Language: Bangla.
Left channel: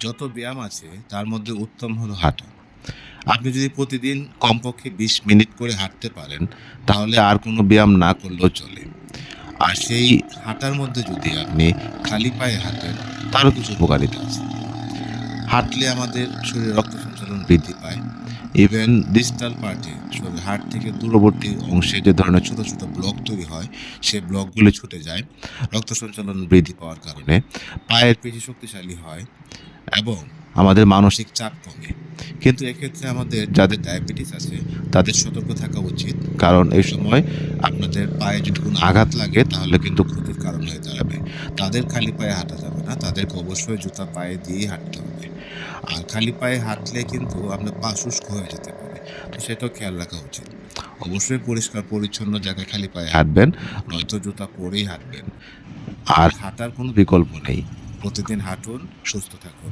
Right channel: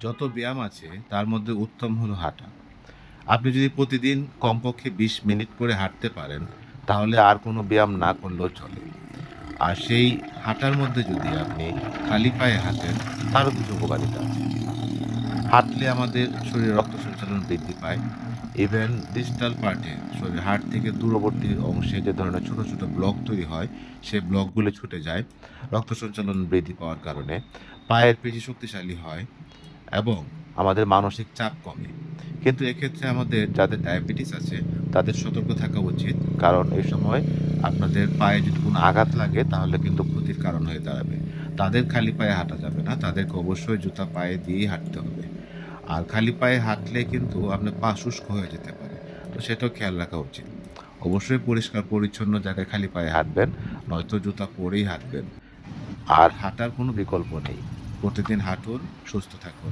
যত ব্যায়াম আছে, তার মধ্যে উত্তম হলো হাঁটা। আপনি যদি প্রতিদিন কমপক্ষে বিশ মিনিট করে হাঁটতে পারেন, তাহলে আর কোনো ব্যায়াম না করলেও চলে। আর সেই হাঁটার মধ্যে যদি আপনি খালি পায়ে হাঁটেন, তারও কিছু উপকারিতা আছে। হাঁটলে আমাদের শরীরে রক্ত সঞ্চালন বৃদ্ধি পায়। ইভেন ডিজিটাল পার্টে শরীরের হাড় থেকে দূরবর্তী অংশে যে ধরনের ছোটো ছোটো ব্লক তৈরি হয় সেই ব্লকগুলি ছুটে যায়। রক্ত সঞ্চালন বৃদ্ধি পাওয়ার কারণে পায়ের পেশি শক্তিশালী হয়। এবং আমাদের মানসিক চাপ কমে। কিন্তু এক্ষেত্রে আমাদের যাদের ডায়াবেটিস আছে, তাদের সতর্ক থাকা উচিত। কারণ এই সময় আপনাদের পায়ে যদি কোনো আঘাত লাগে, তাহলে কিন্তু ক্ষতির কারণ হয়ে দাঁড়াবে। তাদের খালি পায়ে হাঁটা যাবে না। তাদেরকে অবশ্যই জুতা পায়ে দিয়েই হাঁটতে হবে। আর খালি পায়ে হাঁটলে কিন্তু আপনার পা শুষ্ক হয়ে যেতে পারে। তো সেটাও খেয়াল রাখা উচিত। অবশ্যই পরিষ্কার, পরিচ্ছন্ন জায়গায় খালি পায়ে হাঁটবেন, নয়তো জুতা পরেই হাঁটবেন। আর হাঁটার কোনো বিকল্প নেই। প্রতিদিন হাঁটুন, সুস্থ থাকুন।